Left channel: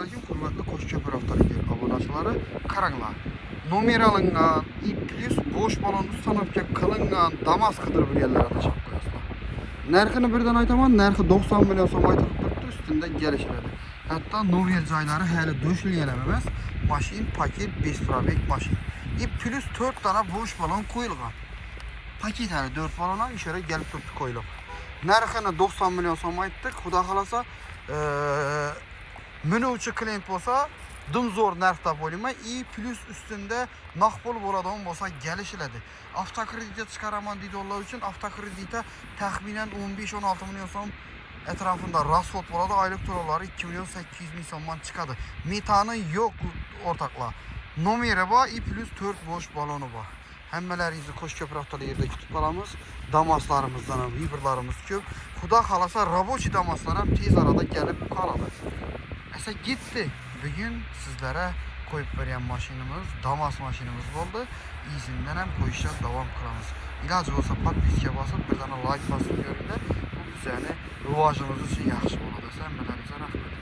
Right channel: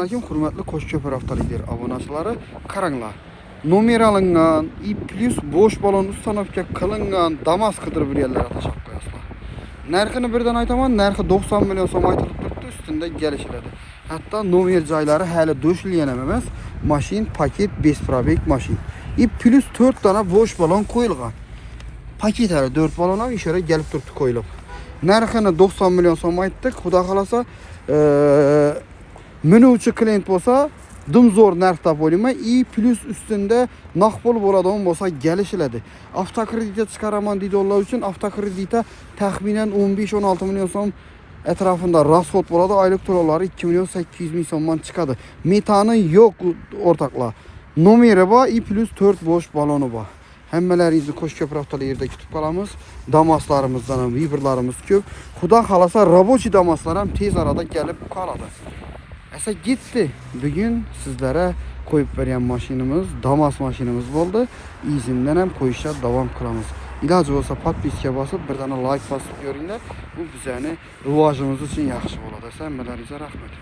Assalomu alaykum, hurmatli Qo'shko'pir avtomobil obunachilari, qaranglar. Nomer alingan, i+ bo'sh balon ustanovka qilingan Damas qidirib yurganlar atashib qo'yasizlar. Narxini birdan aytaman, narxi 90 million so'm aytilib turibdi, ustida kelishiladi. Hatto nomer joylari hali do'shilgan ham emas. Mashin paket 5 probeg mashin. I+ 4 dona bo'sh balon qo'yilgan. Paket hali 4 balon ham ishora kelib turibdi qo'yilib. Narxini 90 million so'm aytdik. Xudo xolasa, minuvchi klient bo'lsa, dimzo'r narxda bo'laman. I+ ustida naqd bo'ladigan bo'lsa kelishiladi. Avtokreditga chiqaraman deydiganlar uchun avtokreditda taxminan 15-16 million so'm atrofida rasxod bo'ladi. Oylik to'lovlari 2 million 800 ming so'mdan chiqadi. Metani yo'q o'rtoqlar. Nomeri bor, I+ 4 bo'sh baloni bor. Hammalaringizni Qo'shko'pir avtomobilda kutib qolamiz. Damaslarimizdan ham vibrlarimiz ko'p. Xudo xolasa, rabochiy damaslar ham tez arada kelib qoladi. Esa gitti. Bugun sizlarga qo'yib bergan mashinamiz Damas mashinamiz bo'ldi. Izimdan ham qo'yishga davom qilamiz. Iloji bo'lsa podpiska bosib, birdan like bosib ko'ringlar. Bu bizning rivojimiz uchun yaxshi bo'ladi. Hammalaringizga rahmat.